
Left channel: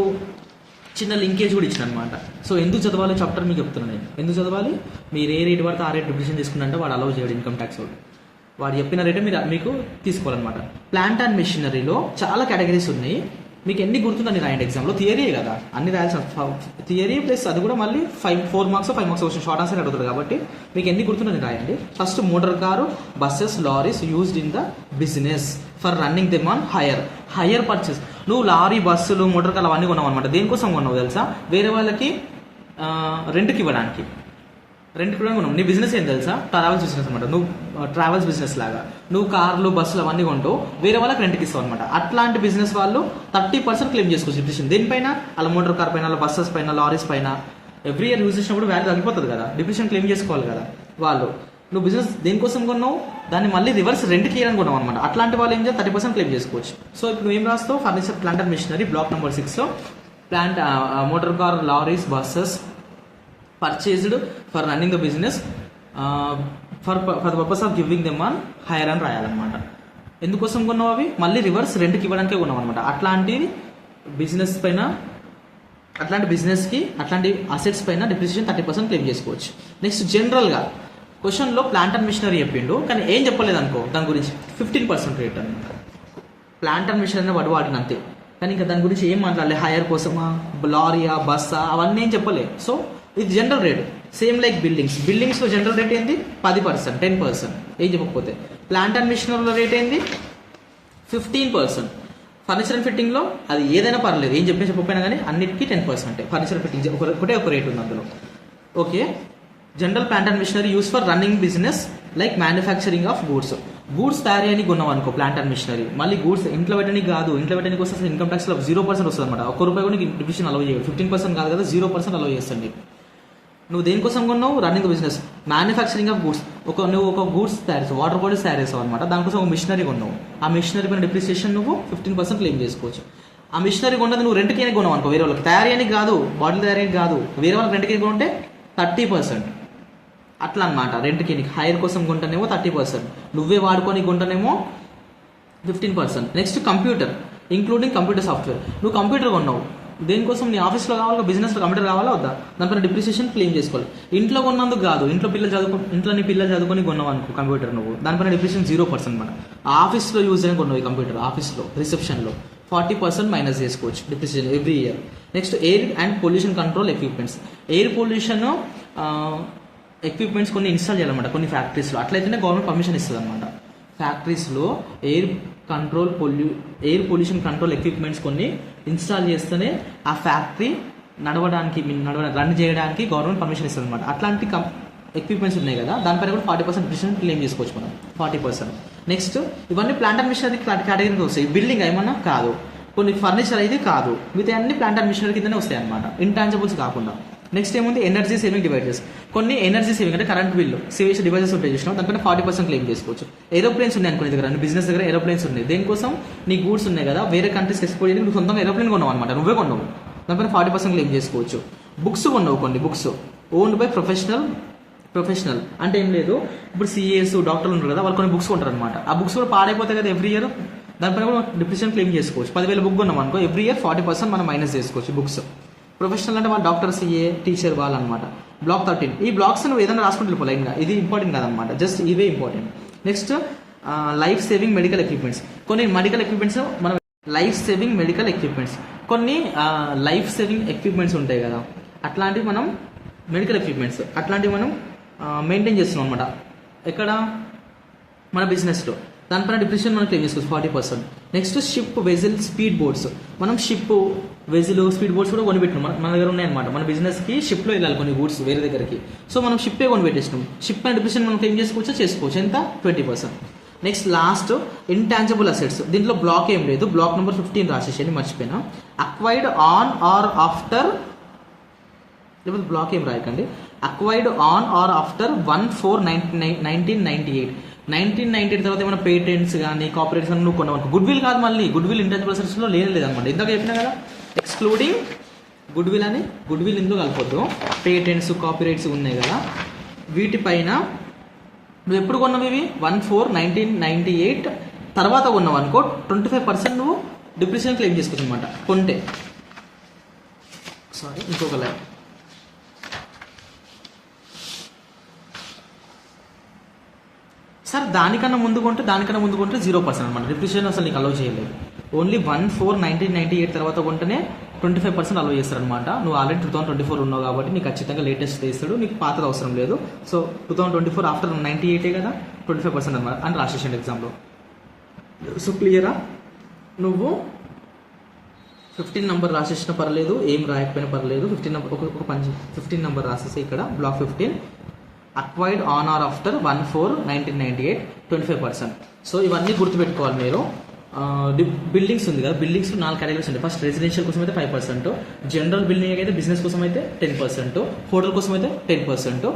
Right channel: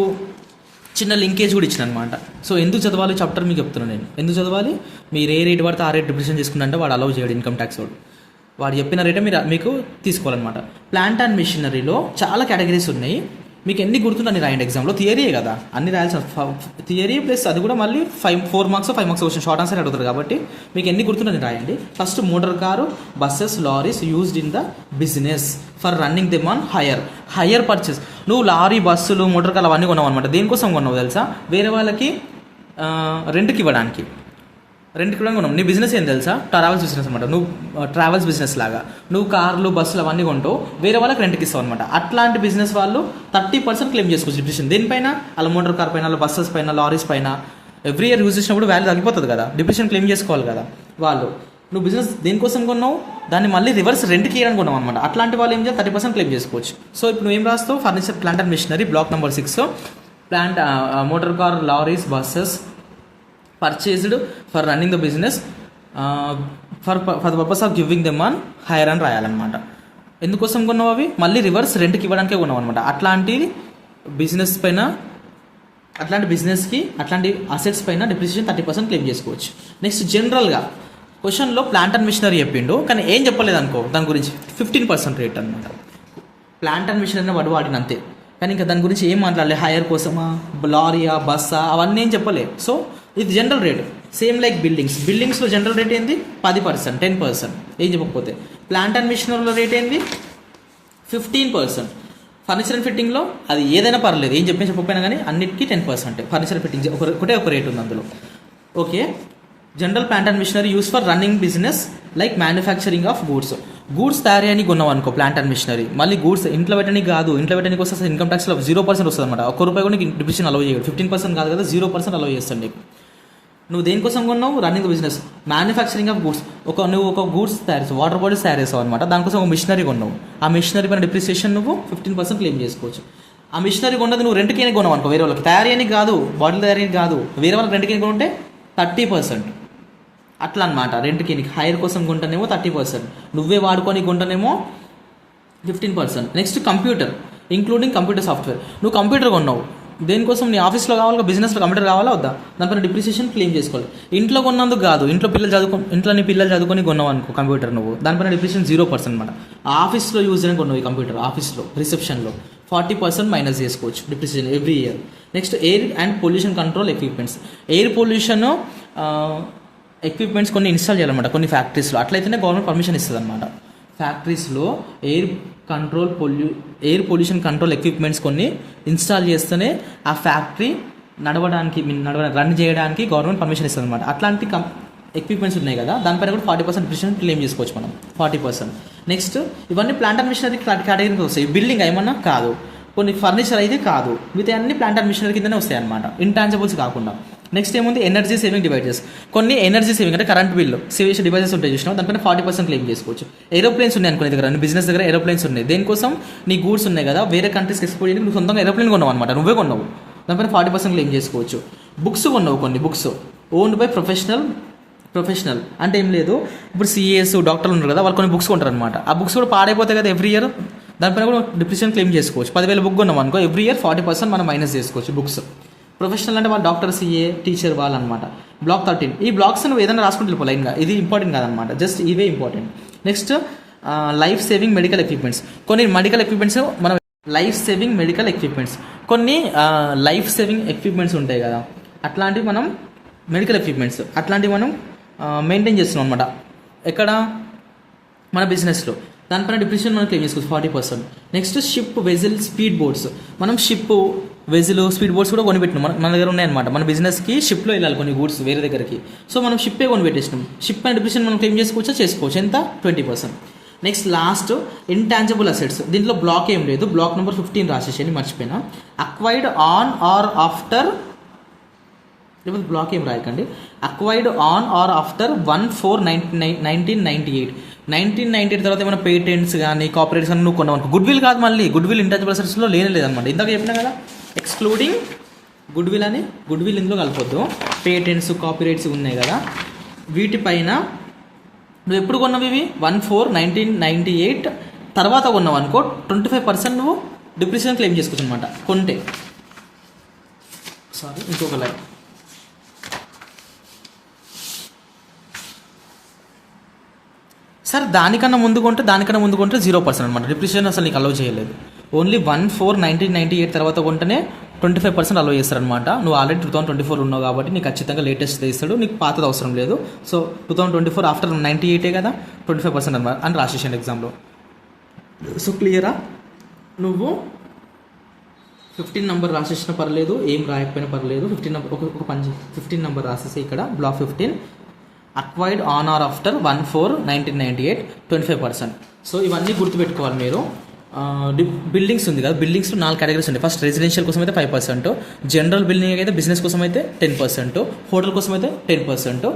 చిన్న లింకేజ్ కూడా ఇచ్చిన అనమాట. సో ఎందుకు చదవాలి చాప్టర్ మీకు చెప్తున్నాను నేను, ఎందుకు చదవాలి, మీరు ఏ రేట్ పడితే ఆ రేట్ డిప్రిసియేషన్ తీసుకుంటే వాడు అలౌ చేయడు ఇన్కమ్ ట్యాక్స్ వాడు చెప్పిన రేటే మీకు తీసుకోవాలన్నమాట. ప్లాంట్ అండ్ మిషనరీలో చాలా కేటగిరీస్ ఉన్నాయి, మీకు ఎన్ని గుర్తుందని రాయండి ఎగ్జామ్లో. థియరీయే కదా, అన్ని రాయాల్సిన థియరీ ప్లస్ అది కూడా మళ్ళీ 4 marks 5 marks question short answer అడుగుతారు కాబట్టి మీకు ఎన్ని గుర్తుందని రాయండి. First motor car, buses, lorries used in the business for running them on hire purchase. నువ్వు లారీ, బస్సులు, మోటార్ కార్లు అవన్నీ కొన్నావు అనమాట. దేనికోసం కొన్నావు తెలుసా? వేరే వాళ్ళకి రెంట్కి ఇవ్వడానికి కొన్నావు. నీ బిజినెస్ ఏం తెలుసా? ట్రావెల్స్ బిజినెస్ అనమాట. నువ్వు ట్రావెల్స్ బిజినెస్ లాగా నువ్వు కార్లు, బస్సులు అవన్నీ కొంటావు, వేరే వాళ్ళకి రెంట్కి ఇస్తావు అనమాట. అట్లాంటి బిజినెస్ వాళ్ళు 30% క్లెయిమ్ చేసుకోవచ్చు డిప్రిసియేషన్. దేనిపైన? అలా మోటార్ కార్ పైన, అలా బస్సెస్ పైన, లారీస్ పైన ఎవ్రీ ఇయర్ యూజ్ చేసినప్పుడు వాల్యూ తగ్గిపోతుంది కదా, డిప్రిసియేషన్ క్లెయిమ్ చేసుకోవాలి కదా వాళ్ళు. నువ్వు బిజినెస్ దేనికోసం కొన్నావు, దాన్ని మళ్ళీ రివర్స్ రెంట్కి ఇవ్వడానికి కొన్నావు అనమాట. అట్లాంటి వాళ్ళు ఏం చేయాలి? 30% క్లెయిమ్ చేసుకోవచ్చు. సో ఇప్పుడు నువ్వు ఏం రాస్తావు? Furniture, plant and machinery, block number 6, plant, motor car, lorries, buses purchased for running the business for the purpose of giving them on hire అని రాయాలన్నమాట. ఎందుకోసం కొన్నావు? అవి మళ్ళీ రివర్స్ రెంట్కి ఇవ్వడానికే కొన్నావు అనమాట. అట్లాంటి బిజినెస్ పైన, అట్లాంటి బిజినెస్కి, అట్లాంటి అసెట్స్ పైన డిప్రిసియేషన్ 30% క్లెయిమ్ చేసుకోవచ్చు. నెక్స్ట్ జనరల్గా క్వశ్చన్లో ప్లాంట్ అండ్ మిషనరీ చెప్పిండు, కానీ ఏం చెప్పలేదు అనుకో దాని గురించి, 15% రేట్ అనమాట. ప్లాంట్ అండ్ మిషనరీ వాడు వాడిన అంతే, కానీ ఇంకా దాని గురించి ఏం మాట్లాడలేదు. హైయర్ కోసమా, లారీయా, బస్సా అవన్నీ ఏం చెప్పలేదు. సో ఇది జనరల్ రేట్. సేమ్ లైక్ బిల్డింగ్స్లో జనరల్ రేట్ ఏంది? 10%, 10%. ఏం చెప్పకపోతే ప్లాంట్ అండ్ మిషనరీలో రేట్ ఏంది? 15%. ఫర్నిచర్ అండ్ ఫిట్టింగ్లో అది ఏదైనా పర్లేదు, ఏం చెప్పకపోయినా కానీ అన్నిటికీ 10%. ఫర్నిచర్ ఫిట్టింగ్ ఒకటే ఒక రేట్ ఉంది అందులో. Okay. General plant and machinery use for running business like manufacturing of goods తయారీ అని కొన్నాం అనుకో ప్లాంట్ అండ్ మిషనరీ. మళ్ళీ గూడ్స్ ఇంట్లో పెట్టడానికి కాదు, ఇంట్లో పెట్టడానికి వస్తే ఇన్కమ్ ట్యాక్స్లో 0% వస్తుంది అనమాట. ₹1 కూడా నీకు డిప్రిసియేషన్ అలౌ చేయడు. 15% కాదు కదా, 0% అలౌ చేస్తాను నీకు. నువ్వు దేనికోసం కొన్నావు? Running business, manufacturing of goods. నువ్వు ఒక గూడ్స్ తయారు చేస్తావు, వాటర్ బాటిల్స్ తయారు చేస్తావు అనమాట. దానికోసం ఒక మిషనరీ కొన్నావు. ఆ మిషనరీ పైన డిప్రిసియేషన్ నువ్వు 15% క్లెయిమ్ చేసుకోవచ్చు. ఆ మిషనరీ కొన్నది నువ్వు రెంట్కి కొన్నావు అనుకో, వేరే వాళ్ళకి తయారీ అని కాదు, బాటిల్ తయారీ కాదు, వేరే వాళ్ళకి రెంట్కి కొంటే 30%. అట్లా అనమాట. రెంట్కి నీకు హైర్ కోసం కొంటేనేమో 30%, నువ్వే వాడుకొని కొంటేనేమో 15%. Next computer, including computer software. నువ్వు కంప్యూటర్ కొన్నావు, దేనికోసం? నీ ఆఫీస్లో కావాలా, బిజినెస్లో కంప్యూటర్ కావాలా వద్దా? దానిపైన డిప్రిసియేషన్ క్లెయిమ్ చేసుకోవాలి. ఇంట్లో కొన్నందుకు కాదు, ఇంట్లో నీ పిల్లలు చదువుకొని కొన్నావు అనుకో కంప్యూటర్, నువ్వు దానిపైన డిప్రిసియేషన్ 0% అనమాట. ఆఫీస్లో యూజ్ అని కొన్నావు ఈ కంప్యూటర్, ఆఫీస్లో రిసెప్షన్లో 40% మైనస్ చేసుకోవచ్చు depreciation every year. Next air and pollution control equipments. Air pollution equipments కొన్ని ఇన్స్టాల్ చేయాలన్నమాట కొన్ని ఫ్యాక్టరీస్లో, అట్లయితేనే గవర్నమెంట్ పర్మిషన్ ఇస్తుంది అనమాట. ఫ్యాక్టరీస్లో ఎయిర్ పొల్యూషన్ కంట్రోల్ ఎక్విప్మెంట్స్ కొన్ని ఇన్స్టాల్ చేస్తేనే ఆ ఫ్యాక్టరీ రన్ చేయడానికి గవర్నమెంట్ పర్మిషన్ ఇస్తుంది అనమాట. అట్లాంటి ఎక్విప్మెంట్స్ ఉన్నాయి కదా, దానిపైన కూడా 40% డిప్రిసియేషన్ క్లెయిమ్ చేసుకోవచ్చు మనం, 40%. నెక్స్ట్ ఇవన్నీ ప్లాంట్ అండ్ మిషనరీ కేటగిరీకి వస్తాయి. బిల్డింగ్ ఏమన్నా కాదు, కొన్ని ఫర్నిచర్ అయితే కాదు, మిగతా అన్ని ప్లాంట్ అండ్ మిషనరీ కిందనే వస్తాయి అనమాట, ఇంటాంజిబుల్స్ కాకుండా. నెక్స్ట్ ఏముంది? Energy saving devices. కొన్ని ఎనర్జీ సేవింగ్ అంటే కరెంట్ బిల్లు సేవ్ డివైజెస్ ఉంటాయి చూసినా, దానిపైన 40% క్లెయిమ్ చేసుకోవచ్చు. ఏరోప్లేన్స్ ఉన్నాయి అనుకునే దగ్గర, నీ బిజినెస్ దగ్గర ఏరోప్లేన్స్ ఉన్నాయి. దేనికోసం? నీ గూడ్స్ ఉన్నాయి కదా, వేరే కంట్రీస్కి ఎక్స్పోర్ట్ చేయడానికి నువ్వు సొంతంగా ఏరోప్లేన్ కొన్నావు అనమాట, నువ్వే కొన్నావు, దానిపైన 40% క్లెయిమ్ చేసుకోవచ్చు. బుక్స్ కొన్నావు, కొన్ని బుక్స్ ఓన్డ్ బై ప్రొఫెషనల్ అంటే ఏం లేదు, ఇప్పుడు సిఏఎస్ డాక్టర్లు ఉన్నారు కదా, వాళ్ళు కొన్ని బుక్స్ కొంటారు అనమాట. ఆ బుక్స్ కూడా పాడైపోతాయి కదా ఎవ్రీ ఇయర్, దానిపైన కూడా డిప్రిసియేషన్ క్లెయిమ్ చేసుకోవచ్చు. 10,000 బుక్ కొన్నాం అనుకో, ఎవ్రీ ఇయర్ 40% మనం మైనస్ చేసుకోవచ్చు బుక్స్. ప్రొఫెషనల్ అంటే వాళ్ళు డాక్టర్, సిఏ, టీచర్ వాళ్ళు అనమాట. బ్లాక్ 13. ఈ బ్లాక్స్ నువ్వు ఏదైనా రాసుకుంటూ వెళ్ళిపో లైన్గా, ఇది ఇంపార్టెంట్ కాదనమాట, జస్ట్ ఇవే important. Next life saving medical equipments. కొన్ని మెడికల్ ఎక్విప్మెంట్స్ మనం లైఫ్ సేవింగ్ మెడికల్ ఎక్విప్మెంట్స్, కొన్ని లైఫ్ సేవింగ్ ఎక్విప్మెంట్స్ ఉంటాయి కదా, అట్లాంటివి మనం మెడికల్ ఎక్విప్మెంట్స్ అట్లాంటివి మనం మెయింటైన్ చేస్తున్నాం అనమాట. ఎక్కడ? మన బిజినెస్లో. దానిపైన డిప్రిసియేషన్ మనం క్లెయిమ్ చేసుకోవచ్చు 40%. Next ship, వెజిల్, speed boats. మనం షిప్, వెజిల్, స్పీడ్ బోట్స్ కూడా కొనిపెట్టినాం, మన దగ్గర ఉన్నాయన్నమాట. మన బిజినెస్కి షిప్లో వెళ్ళాలి కొన్ని గూడ్స్ వేరే దగ్గరికి, సో మనం షిప్పే కొనిపెట్టేసినాం. షిప్ అండ్ డిప్రిసియేషన్ మనం క్లెయిమ్ చేసుకోవచ్చు. ఎంత? 20%. Next last intangible assets. దీంట్లో బ్లాక్ ఏం లేదు, బ్లాక్ నెంబర్ 15 రాసేసి మర్చిపోయినా. అక్వైర్డ్ ఆన్ ఆర్ ఆఫ్టర్, లేకపోతే బ్లాక్ ఏం రాయకండి, అక్వైర్డ్ ఆన్ ఆర్ ఆఫ్టర్ 1/4/1998. 1998 తర్వాత ఏమైనా పేటెంట్స్ కానీ కాపీరైట్స్ కానీ నువ్వు కొన్నావు. గుడ్ విల్ కాదు, మళ్ళీ గుడ్ విల్ ఇంటాంజిబుల్ అసెట్స్లో లేదనమాట. ఇందాక చెప్పినా కదా ఎక్స్క్లూడింగ్ గుడ్ విల్ అని, గుడ్ విల్ ఇందులో కలపొద్దు. పేటెంట్స్, కాపీరైట్స్ ఉన్నాయి కదా, వీటిపైన నువ్వు ఎప్పుడు కొన్నావు ఇవి? 1/4/1998 తర్వాత కొన్నావు అనుకో, 25% నువ్వు డిప్రిసియేషన్ క్లెయిమ్ చేసుకోవచ్చు అనమాట కొంటే. ఇంకొకలా సార్ దానికన్నా ముందు కొంటే 0% అనమాట, డిప్రిసియేషన్ అసలు నీకు అలౌ చేయలేదు. ఓన్లీ 1/4/1998 తర్వాత కొంటేనే 25% అలో చేస్తారనమాట. నువ్వు ఆల్రెడీ 2024 ఉన్నావు కాబట్టి నీకు ఖచ్చితంగా లేటెస్ట్ ఇస్తాడు, నీకు పాతది అవసరం లేదు. సో 2024 ఆఫ్టర్ 98 కదా, 25% అనమాట అని రాసేసాను ఎగ్జామ్లో. సో క్లియరా? నువ్వు 15 నెంబర్ రాసేసిన పర్లేదు, ఏం రాయకపోయినా పర్లేదు. 15 నెంబర్ ఒక పని 15 నెంబర్ రాసేసి ఇక్కడ block 15 acquired on or after 1/4/1998 25%. So ఇవన్నీ గుర్తుపెట్టుకోవాలి మీరు. బిల్డింగ్స్ ఉంది కదా, బిల్డింగ్స్లో 4 కేటగిరీస్ ఉంటాయి. ఫస్ట్ రెసిడెన్షియల్ కోసం అయితే 5%, జనరల్ బిల్డింగ్ అయితే బిజినెస్ కోసం అయితే 10%, హోటల్ కోసం అయితే 10%.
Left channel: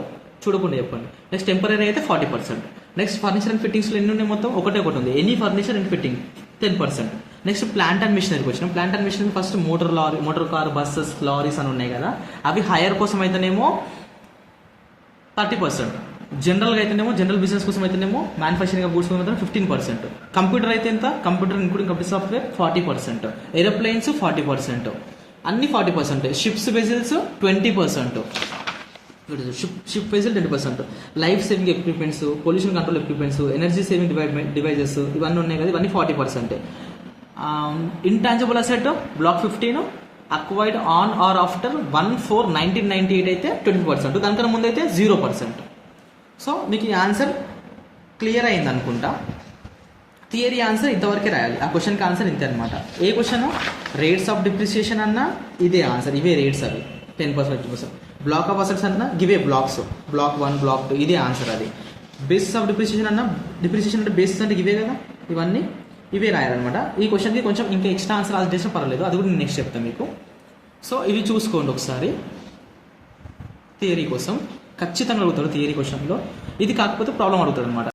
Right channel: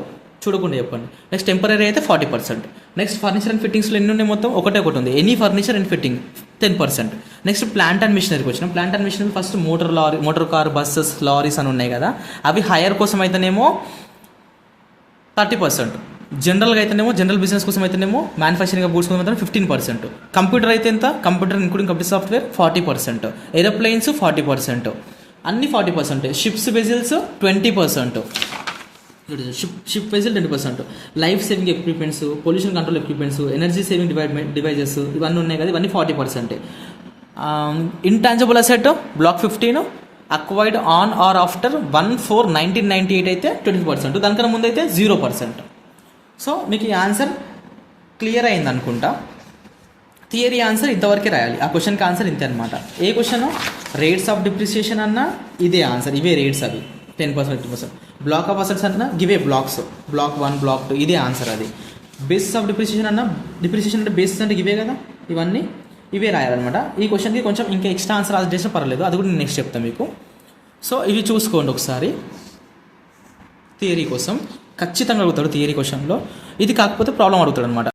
చూడకుండా చెప్పండి. నెక్స్ట్ టెంపరీ అయితే 40%. నెక్స్ట్ ఫర్నిచర్ అండ్ ఫిట్టింగ్స్లో ఎన్ని ఉన్నాయి? మొత్తం ఒకటే ఉంది, any furniture and fitting 10%. Next plant and మిషనరీకి వచ్చినాం. Plant and machinery first motor car, buses, lorries అని ఉన్నాయి కదా, అవి హైర్ కోసం అయితేనేమో 30%, జనరల్గా అయితేనేమో జనరల్ బిజినెస్ కోసం అయితేనేమో మ్యానుఫ్యాక్చరింగ్ గూడ్స్ కోసం అయితే 15%, కంప్యూటర్ అయితే ఎంత, computer including computer software 40%, aeroplanes 40%, అన్ని 40%, ships vessels 20%, ship vessel 20%, life saving equipments, pollution control equipments, energy saving devices ఇవన్నీ ఉన్నాయి కదా, ఇవన్నీ 40%. Intangible asset block 15 acquired on or after 1/4/1998 అయితే 20%, దానికన్నా ముందు అయితే 0%. సో మీకు ఈ ఆన్సర్ క్లియర్ అయింది అనుకుంటా. థియరీ ఆన్సర్ ఇంతవరకే రాయాలి. ఆ క్వశ్చన్కి ఆన్సర్ ఇంతే అనమాట. ఏ క్వశ్చన్? రేట్స్ ఆఫ్ డిప్రిసియేషన్ అన్నా ఇదే ఆన్సర్, ఇవే రేట్స్ అవి 10%, 50%. బ్లాక్ ఆఫ్ అసెట్స్ అన్నా గివే బ్లాక్స్, బ్లాక్ 1, బ్లాక్ 2 ఇదే ఆన్సర్ అది. బేసిస్ ఆఫ్ డిప్రిసియేషన్ అన్నా, డిప్రిసియేషన్ అంటే బేసిస్ అంటే ఇవే కదా, ఇవన్నీ ఇవే రాయాలన్నమాట. ఈ క్వశ్చన్కి కొంచెం ఇంకా ఎక్స్ట్రా ఆన్సర్ అది చేసినా పర్లేదు, అది కూడా నేను నెక్స్ట్ చెప్తాను మీకు. సో ఇవి చూసుకోండి ఒకసారి. థియరీ కోసం ఖచ్చితంగా అడుగుతాడు, థియరీ క్వశ్చన్లో ఇది కాకపోతే ప్రాబ్లం అడుగుతాడు అనమాట.